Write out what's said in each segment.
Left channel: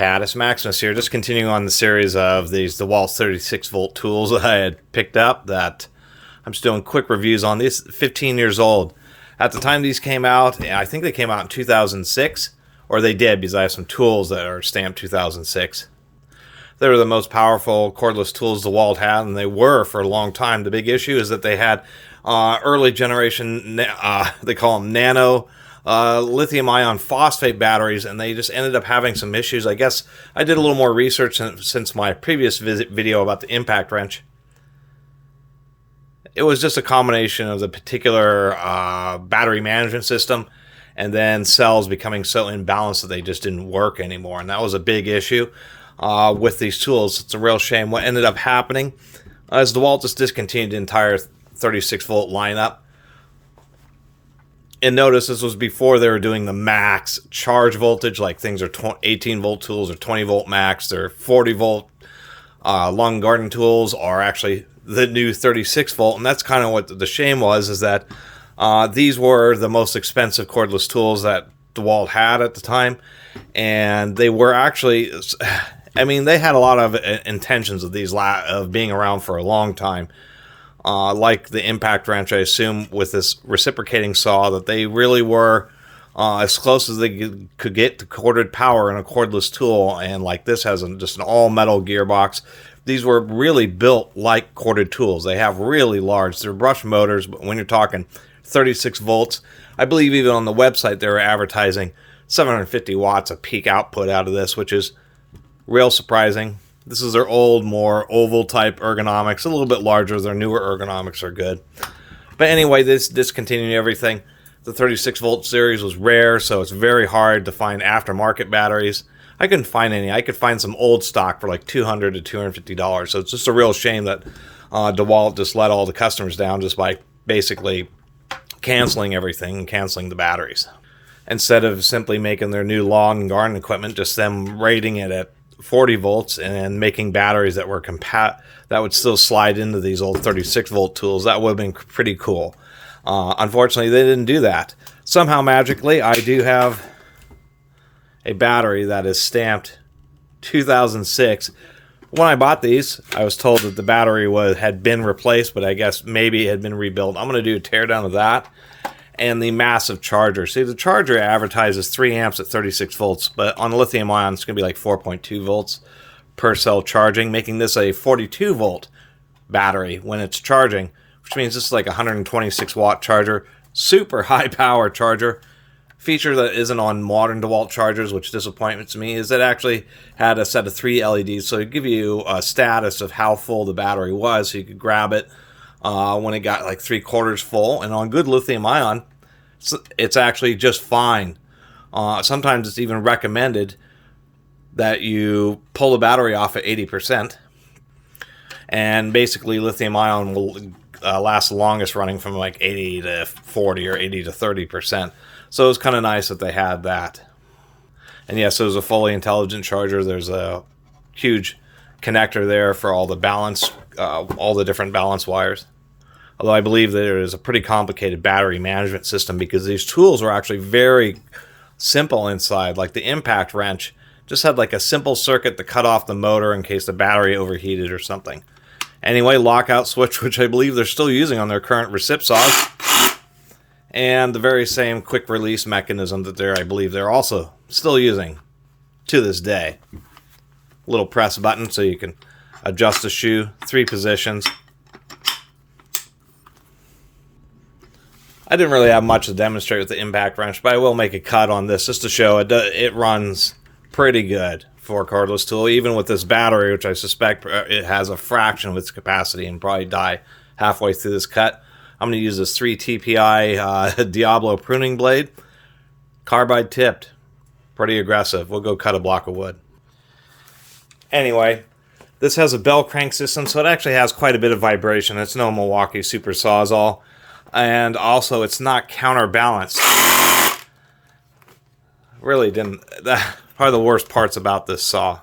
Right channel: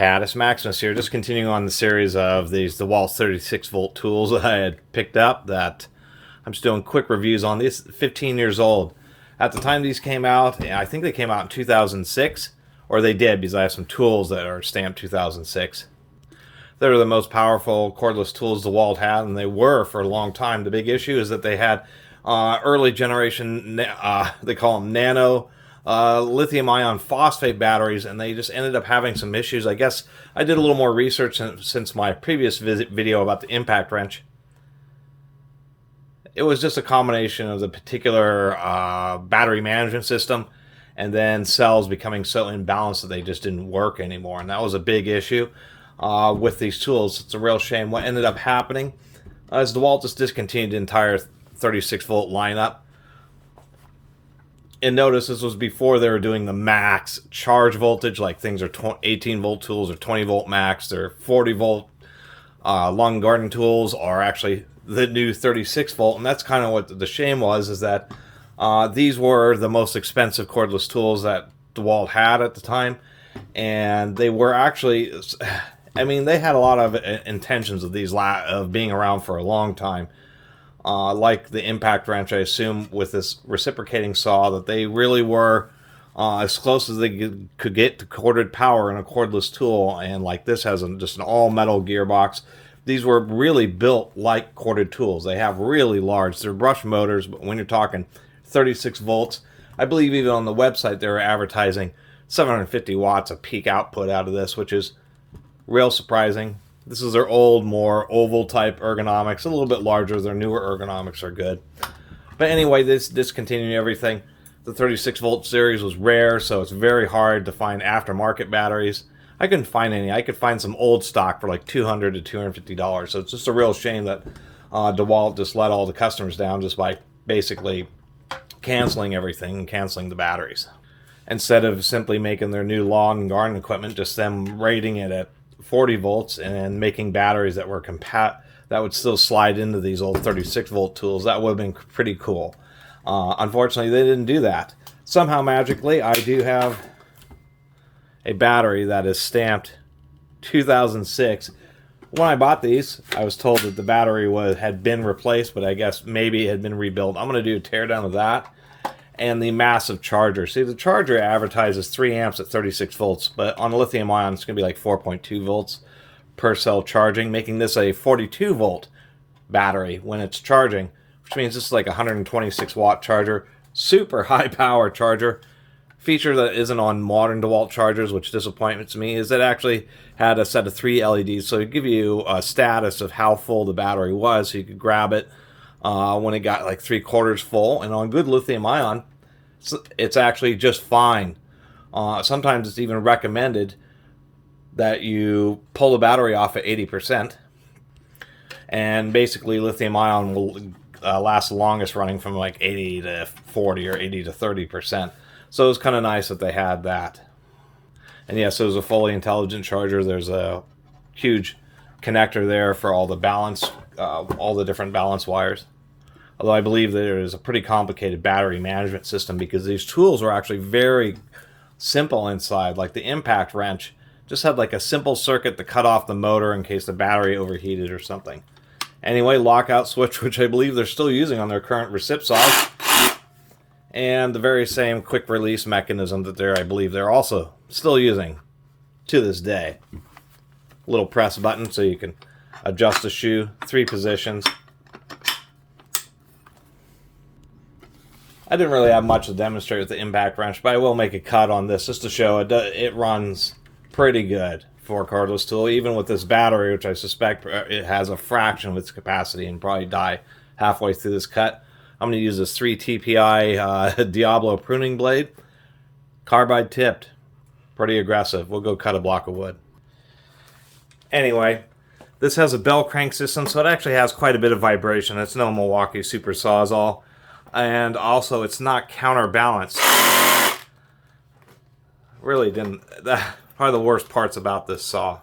Catus, Maximus here, just continuing on the series of these DeWalt 36 volt tools that I had picked up that I'm just doing quick reviews on. These 15 years old. At the time these came out, I think they came out in 2006, or they did because I have some tools that are stamped 2006. They were the most powerful cordless tools DeWalt had, and they were for a long time. The big issue is that they had early generation, they call them Nano, lithium ion phosphate batteries, and they just ended up having some issues. I guess I did a little more research since my previous video about the impact wrench. It was just a combination of the particular battery management system and then cells becoming so imbalanced that they just didn't work anymore, and that was a big issue with these tools. It's a real shame. What ended up happening is DeWalt just discontinued the entire 36 volt lineup. And notice this was before they were doing the max charge voltage, like things are 18 volt tools or 20 volt max. They're 40 volt lawn and garden tools are actually the new 36 volt. And that's kind of what the shame was, is that these were the most expensive cordless tools that DeWalt had at the time. And they were actually, I mean, they had a lot of intentions of these of being around for a long time. Like the impact wrench, I assume, with this reciprocating saw, that they really were as close as they could get to corded power in a cordless tool. And like this has just an all-metal gearbox. These were really built like corded tools. They have really large, they're brush motors, but when you're talking 36 volts, I believe even on the website they were advertising 750 watts of peak output out of this, which is real surprising. This is their old, more oval type ergonomics, a little bit larger. Their newer ergonomics are good. But anyway, this discontinued everything. The 36 volt series was rare, so it's very hard to find aftermarket batteries. I couldn't find any. I could find some old stock for like $200 to $250. So it's just a real shame that DeWalt just let all the customers down just by basically canceling everything and canceling the batteries. Instead of simply making their new lawn and garden equipment, just them rating it at 40 volts and making batteries that were that would still slide into these old 36 volt tools. That would have been pretty cool. Unfortunately, they didn't do that. Somehow, magically, I do have a battery that is stamped 2006. When I bought these, I was told that the battery had been replaced, but I guess maybe it had been rebuilt. I'm going to do a teardown of that. And the massive charger. See, the charger advertises 3 amps at 36 volts, but on lithium ion, it's going to be like 4.2 volts per cell charging, making this a 42 volt battery when it's charging, which means this is like a 126 watt charger. Super high power charger. Feature that isn't on modern DeWalt chargers, which disappoints me, is that it actually had a set of 3 LEDs, so it give you a status of how full the battery was, so you could grab it when it got like 3/4 full. And on good lithium ion, it's actually just fine. Sometimes it's even recommended that you pull the battery off at 80%. And basically lithium ion will last the longest running from like 80 to 40 or 80 to 30%. So it was kind of nice that they had that. And yes, it was a fully intelligent charger. There's a huge connector there for all the balance, all the different balance wires. Although I believe there is a pretty complicated battery management system because these tools are actually very simple inside. Like the impact wrench just had like a simple circuit to cut off the motor in case the battery overheated or something. Anyway, lockout switch, which I believe they're still using on their current recip saws. And the very same quick release mechanism that I believe they're also still using to this day. Little press button so you can adjust the shoe, 3 positions. I didn't really have much to demonstrate with the impact wrench, but I will make a cut on this just to show it runs pretty good for a cordless tool, even with this battery, which I suspect it has a fraction of its capacity and probably die halfway through this cut. I'm going to use this 3 TPI Diablo pruning blade. Carbide tipped. Pretty aggressive. We'll go cut a block of wood. Anyway, this has a bell crank system, so it actually has quite a bit of vibration. It's no Milwaukee Super Sawzall. And also, it's not counterbalanced. Really didn't. Probably the worst parts about this saw.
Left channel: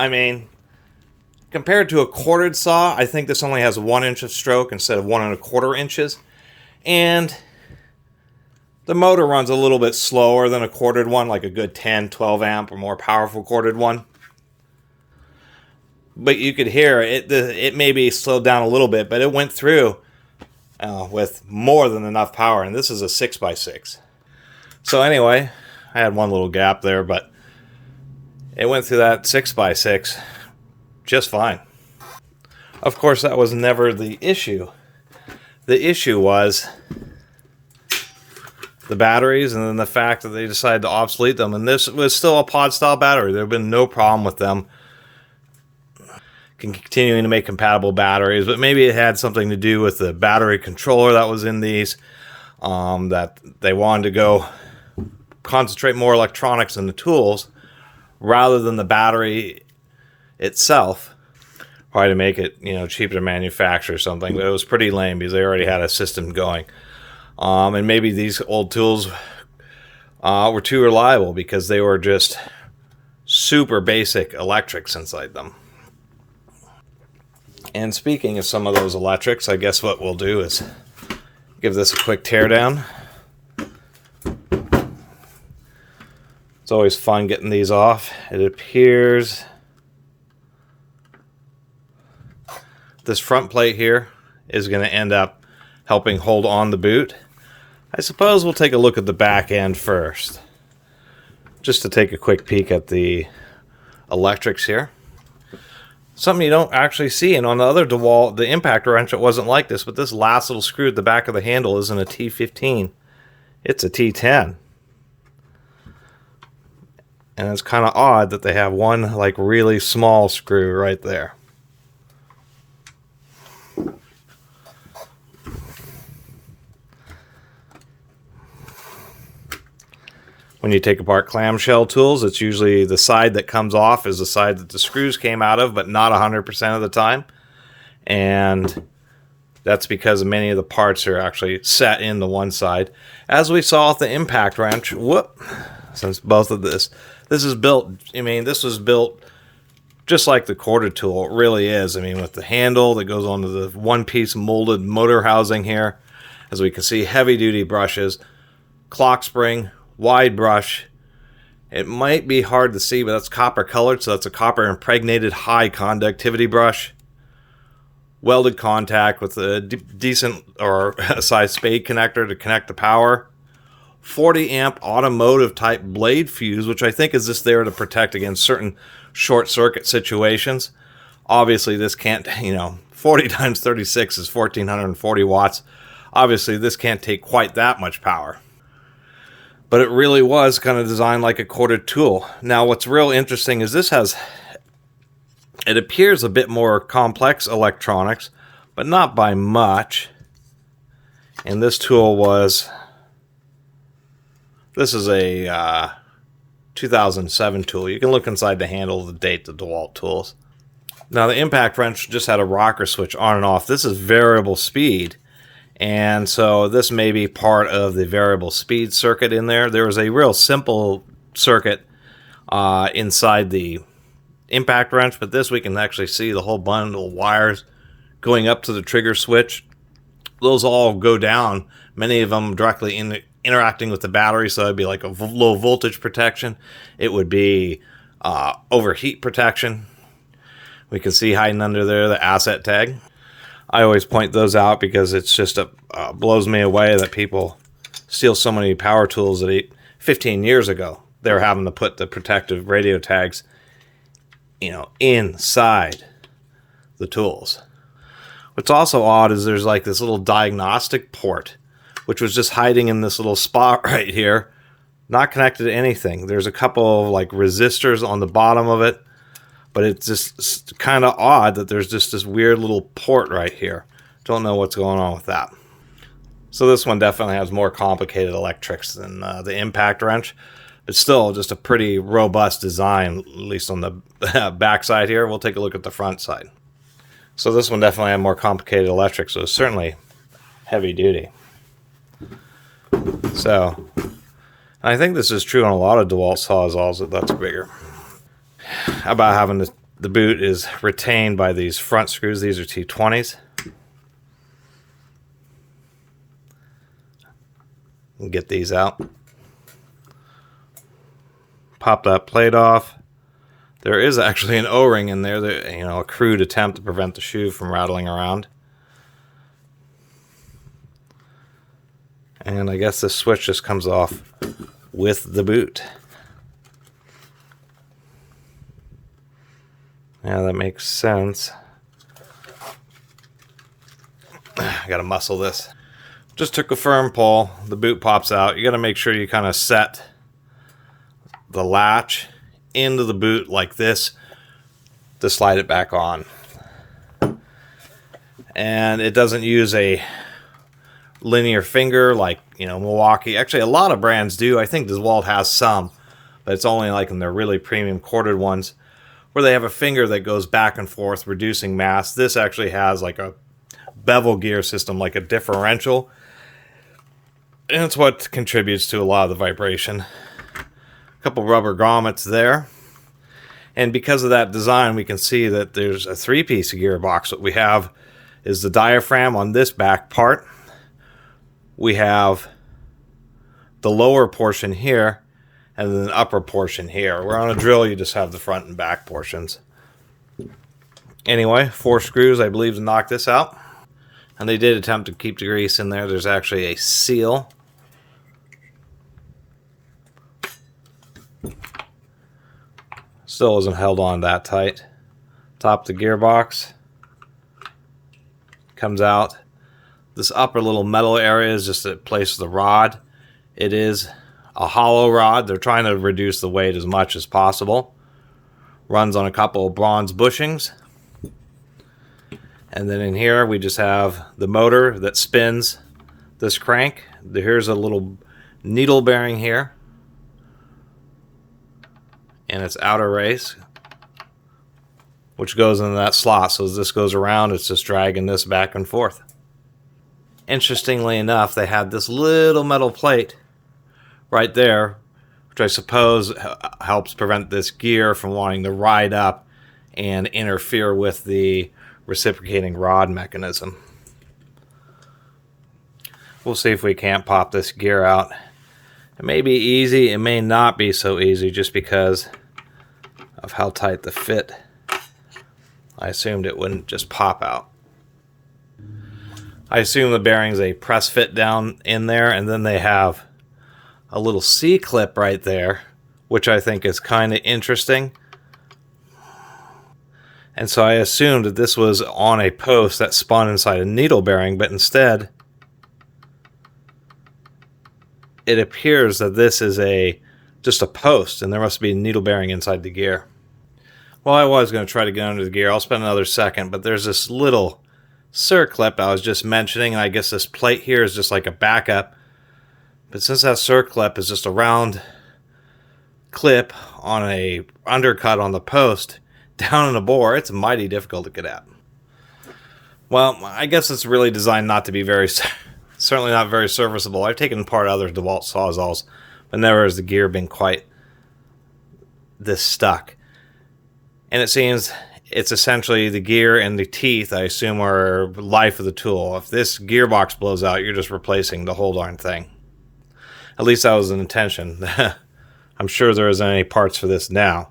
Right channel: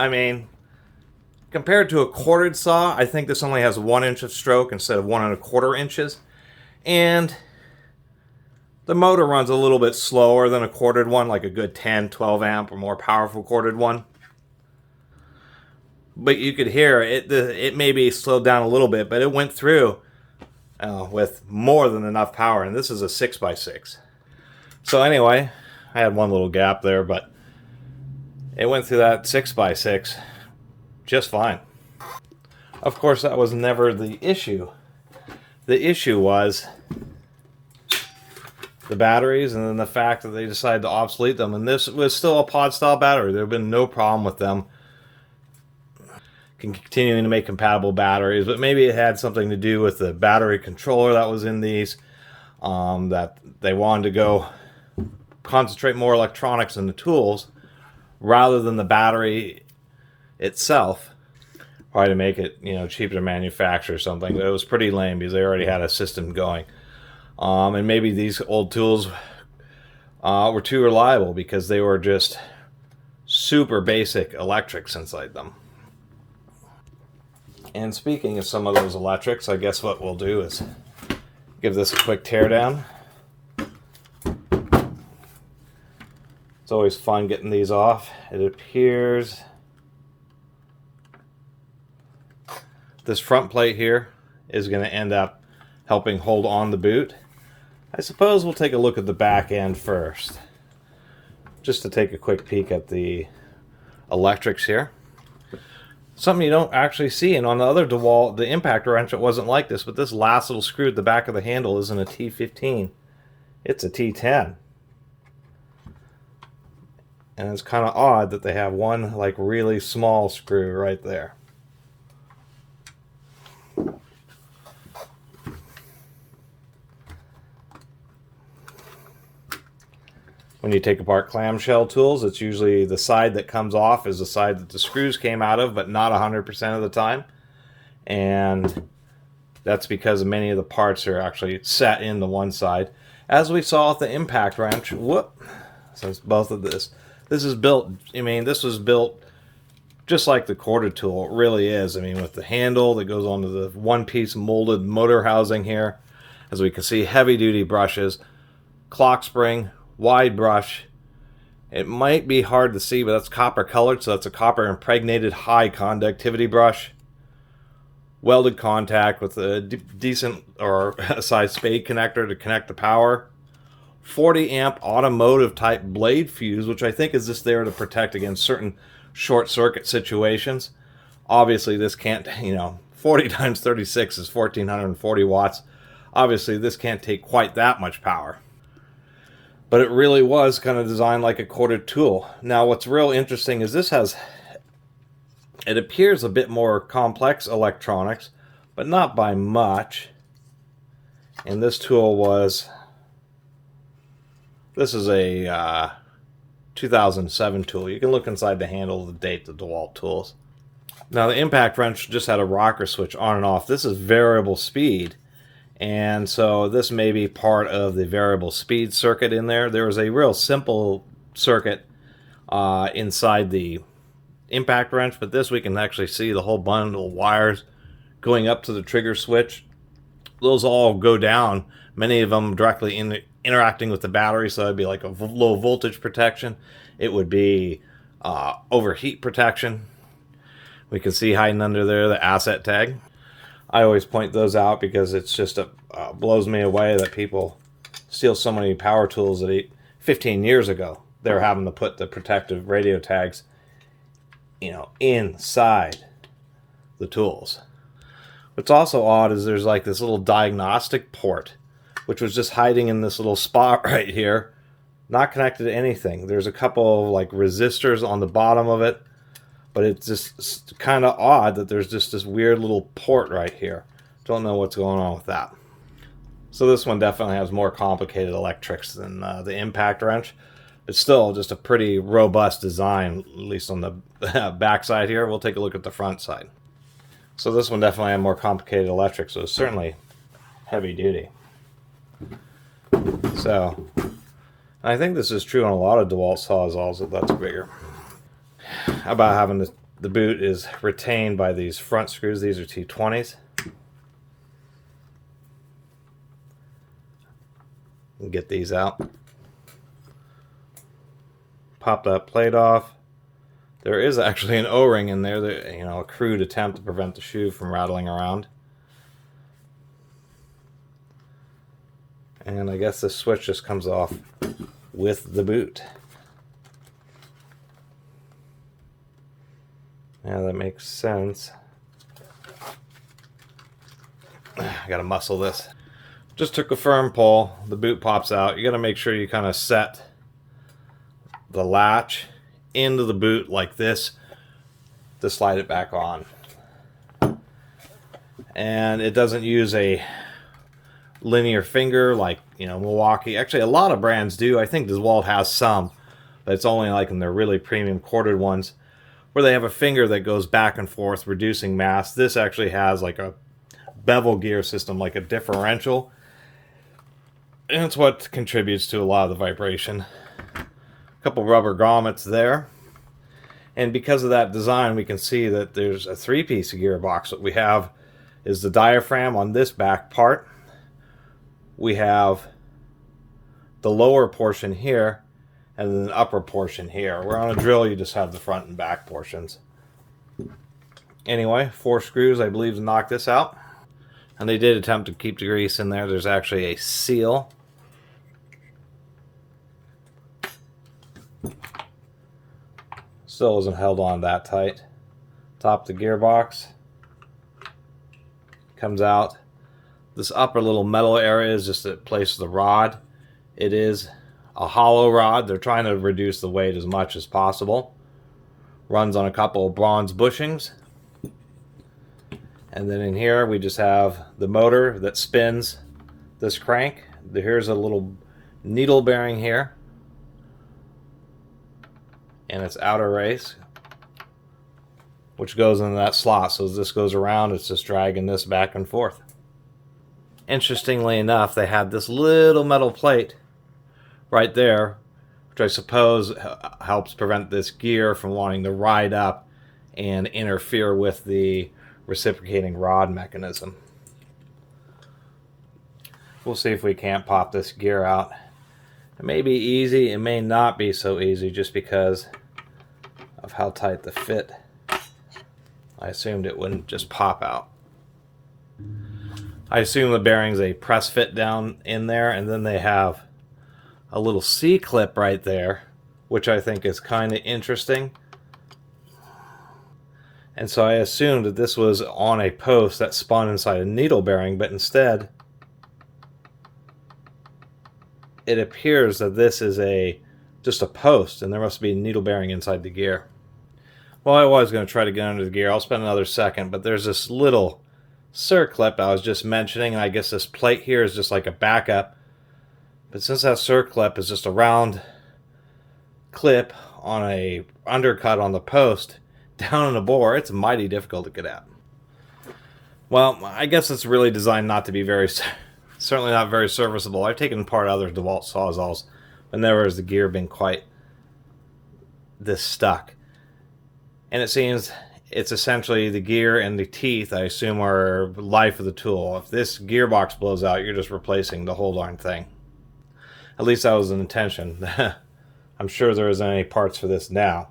I mean, compared to a quartered saw, I think this only has 1 inch of stroke instead of 1 1/4 inches. And the motor runs a little bit slower than a quartered one, like a good 10, 12 amp or more powerful quartered one. But you could hear it, it may be slowed down a little bit, but it went through with more than enough power. And this is a 6x6. So anyway, I had one little gap there, but it went through that 6x6 just fine. Of course, that was never the issue. The issue was the batteries, and then the fact that they decided to obsolete them. And this was still a pod style battery. There have been no problem with them continuing to make compatible batteries, but maybe it had something to do with the battery controller that was in these, that they wanted to go concentrate more electronics in the tools rather than the battery itself, probably to make it, you know, cheaper to manufacture or something. But it was pretty lame because they already had a system going. And maybe these old tools were too reliable because they were just super basic electrics inside them. And speaking of some of those electrics, I guess what we'll do is give this a quick teardown. It's always fun getting these off. It appears this front plate here is going to end up helping hold on the boot. I suppose we'll take a look at the back end first, just to take a quick peek at the electrics here. Something you don't actually see, and on the other DeWalt, the impact wrench, it wasn't like this, but this last little screw at the back of the handle isn't a T15. It's a T10. And it's kind of odd that they have one like really small screw right there. When you take apart clamshell tools, it's usually the side that comes off is the side that the screws came out of, but not 100% of the time. And that's because many of the parts are actually set in the one side. As we saw with the impact wrench, since both of this is built, I mean, this was built just like the quarter tool. It really is. I mean, with the handle that goes onto the one-piece molded motor housing here. As we can see, heavy-duty brushes, clock spring, wide brush. It might be hard to see, but that's copper colored, so that's a copper impregnated high conductivity brush. Welded contact with a decent or a size spade connector to connect the power. 40 amp automotive type blade fuse, which I think is just there to protect against certain short circuit situations. Obviously this can't, 40 times 36 is 1440 watts. Obviously this can't take quite that much power. But it really was kind of designed like a quartered tool. Now what's real interesting is it appears a bit more complex electronics, but not by much. And this tool this is a 2007 tool. You can look inside the handle, the date, the DeWalt tools. Now the impact wrench just had a rocker switch on and off. This is variable speed. And so this may be part of the variable speed circuit in there. There was a real simple circuit inside the impact wrench, but this we can actually see the whole bundle of wires going up to the trigger switch. Those all go down, many of them directly interacting with the battery, so it'd be like a low voltage protection. It would be overheat protection. We can see hiding under there the asset tag. I always point those out because it's just blows me away that people steal so many power tools that 15 years ago they were having to put the protective radio tags, inside the tools. What's also odd is there's like this little diagnostic port, which was just hiding in this little spot right here, not connected to anything. There's a couple of like resistors on the bottom of it. But it's just kind of odd that there's just this weird little port right here. Don't know what's going on with that. So this one definitely has more complicated electrics than the impact wrench. But still just a pretty robust design, at least on the back side here. We'll take a look at the front side. So this one definitely had more complicated electrics. So it's certainly heavy duty. So I think this is true on a lot of DeWalt Sawzalls that's bigger. About having to the boot is retained by these front screws. These are T20s. Get these out. Pop that plate off. There is actually an O-ring in there that, you know, a crude attempt to prevent the shoe from rattling around. And I guess this switch just comes off with the boot. Yeah, that makes sense. I gotta muscle this. Just took a firm pull. The boot pops out. You gotta make sure you kind of set the latch into the boot like this to slide it back on. And it doesn't use a linear finger like, you know, Milwaukee. Actually, a lot of brands do. I think DeWalt has some, but it's only like in their really premium corded ones where they have a finger that goes back and forth, reducing mass. This actually has like a bevel gear system, like a differential. And it's what contributes to a lot of the vibration. A couple rubber grommets there. And because of that design, we can see that there's a three-piece gearbox. What we have is the diaphragm on this back part. We have the lower portion here, and then the upper portion here. Where on a drill, you just have the front and back portions. Anyway, 4 screws, I believe, to knock this out. And they did attempt to keep the grease in there. There's actually a seal. Still isn't held on that tight. Top of the gearbox. Comes out. This upper little metal area is just a place for the rod. It is a hollow rod. They're trying to reduce the weight as much as possible. Runs on a couple of bronze bushings. And then in here we just have the motor that spins this crank. Here's a little needle bearing here. And its outer race, which goes into that slot. So as this goes around, it's just dragging this back and forth. Interestingly enough, they had this little metal plate right there, which I suppose helps prevent this gear from wanting to ride up and interfere with the reciprocating rod mechanism. We'll see if we can't pop this gear out. It may be easy, it may not be so easy just because of how tight the fit. I assumed it wouldn't just pop out. I assume the bearing's a press fit down in there, and then they have a little C-clip right there, which I think is kind of interesting. And so I assumed that this was on a post that spun inside a needle bearing, but instead it appears that this is just a post, and there must be a needle bearing inside the gear. Well, I was going to try to get under the gear. I'll spend another second, but there's this little circlip I was just mentioning, and I guess this plate here is just like a backup. But since that circlip is just a round clip on a undercut on the post down in a bore, it's mighty difficult to get at. Well, I guess it's really designed not to be certainly not very serviceable. I've taken apart other DeWalt Sawzalls, but never has the gear been quite this stuck. And it seems it's essentially the gear and the teeth, I assume, are life of the tool. If this gearbox blows out, you're just replacing the whole darn thing. At least that was the intention. I'm sure there isn't any parts for this now.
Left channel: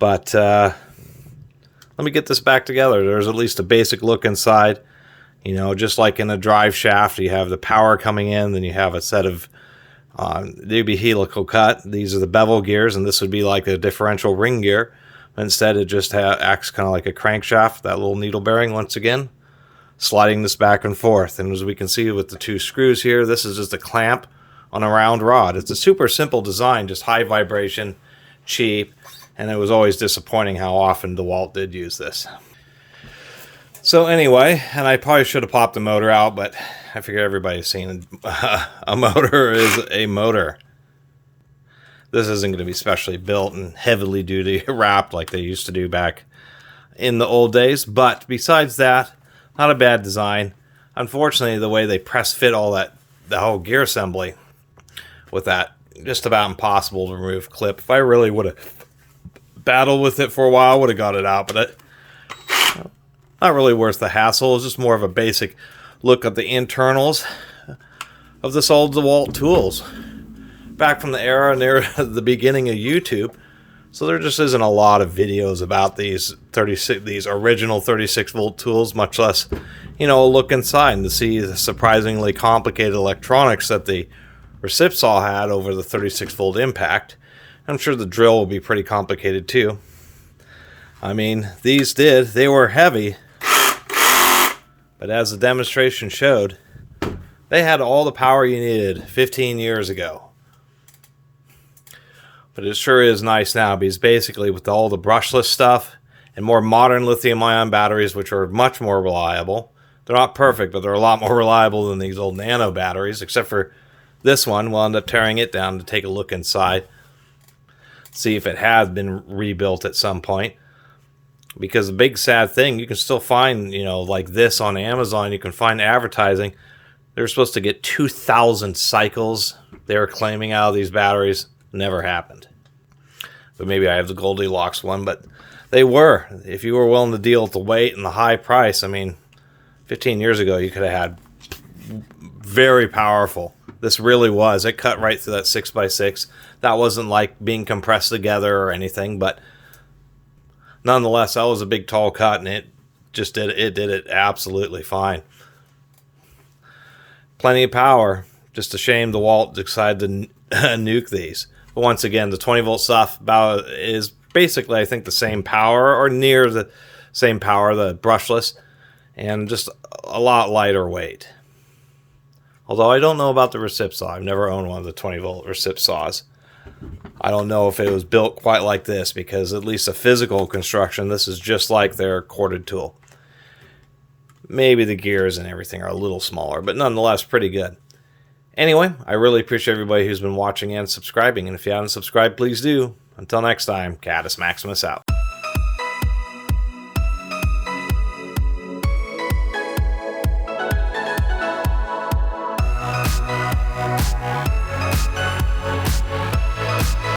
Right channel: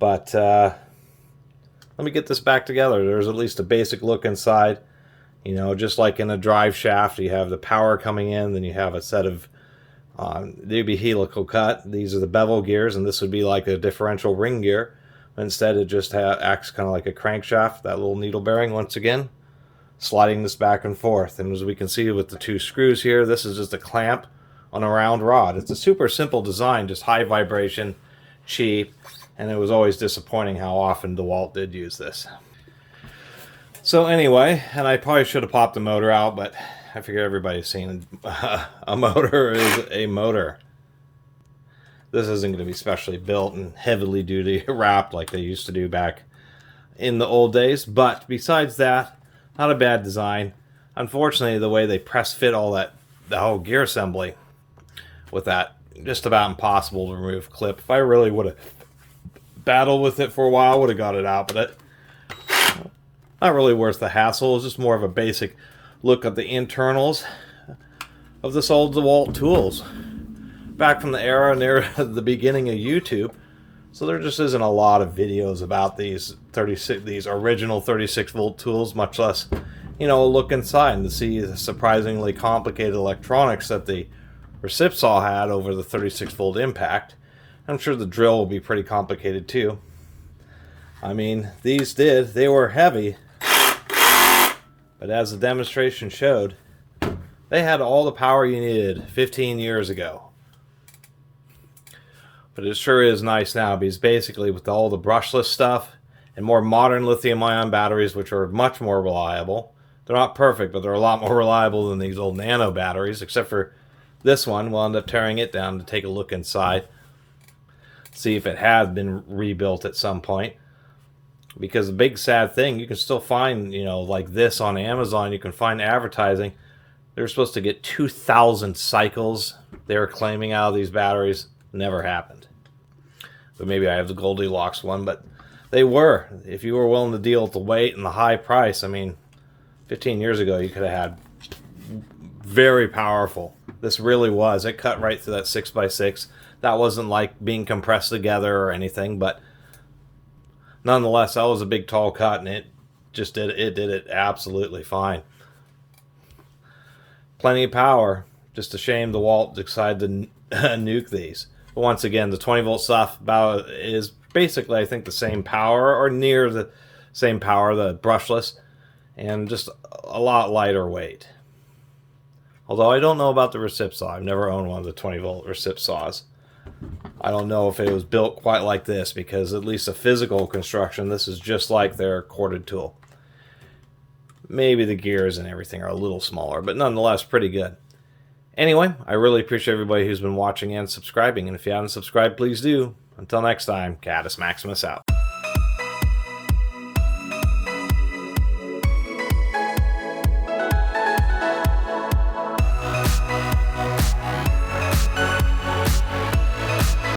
But let me get this back together. There's at least a basic look inside. You know, just like in a drive shaft, you have the power coming in, then you have a set of, they'd be helical cut. These are the bevel gears, and this would be like a differential ring gear. Instead, it just acts kind of like a crankshaft, that little needle bearing once again, sliding this back and forth. And as we can see with the 2 screws here, this is just a clamp on a round rod. It's a super simple design, just high vibration, cheap, and it was always disappointing how often DeWalt did use this. So anyway, and I probably should have popped the motor out, but I figure everybody's seen a motor is a motor. This isn't going to be specially built and heavily duty wrapped like they used to do back in the old days. But besides that, not a bad design. Unfortunately, the way they press fit all that, the whole gear assembly with that, just about impossible to remove clip. If I really would have battled with it for a while, would have got it out, but it, not really worth the hassle. It's just more of a basic look at the internals of this old DeWalt tools. Back from the era near the beginning of YouTube. So there just isn't a lot of videos about these original 36 volt tools, much less, you know, look inside and to see the surprisingly complicated electronics that the Reciprocating had over the 36 volt impact. I'm sure the drill will be pretty complicated too. I mean, they were heavy, but as the demonstration showed, they had all the power you needed 15 years ago. But it sure is nice now, because basically with all the brushless stuff and more modern lithium-ion batteries, which are much more reliable. They're not perfect, but they're a lot more reliable than these old Nano batteries, except for this one. We'll end up tearing it down to take a look inside, see if it has been rebuilt at some point. Because the big sad thing, you can still find, you know, like this on Amazon, you can find advertising. They're supposed to get 2,000 cycles they were claiming out of these batteries. Never happened. But maybe I have the Goldilocks one, but they were. If you were willing to deal with the weight and the high price, I mean, 15 years ago you could have had very powerful. This really was. It cut right through that 6x6. That wasn't like being compressed together or anything, but nonetheless, that was a big tall cut, and it just did it absolutely fine. Plenty of power. Just a shame DeWalt decided to nuke these. But once again, the 20 volt stuff is basically, I think, the same power, or near the same power, the brushless, and just a lot lighter weight. Although I don't know about the Reciprocating. I've never owned one of the 20 volt Reciprocatings. I don't know if it was built quite like this, because at least the physical construction, this is just like their corded tool. Maybe the gears and everything are a little smaller, but nonetheless pretty good. Anyway, I really appreciate everybody who's been watching and subscribing, and if you haven't subscribed, please do. Until next time, Catus Maximus out.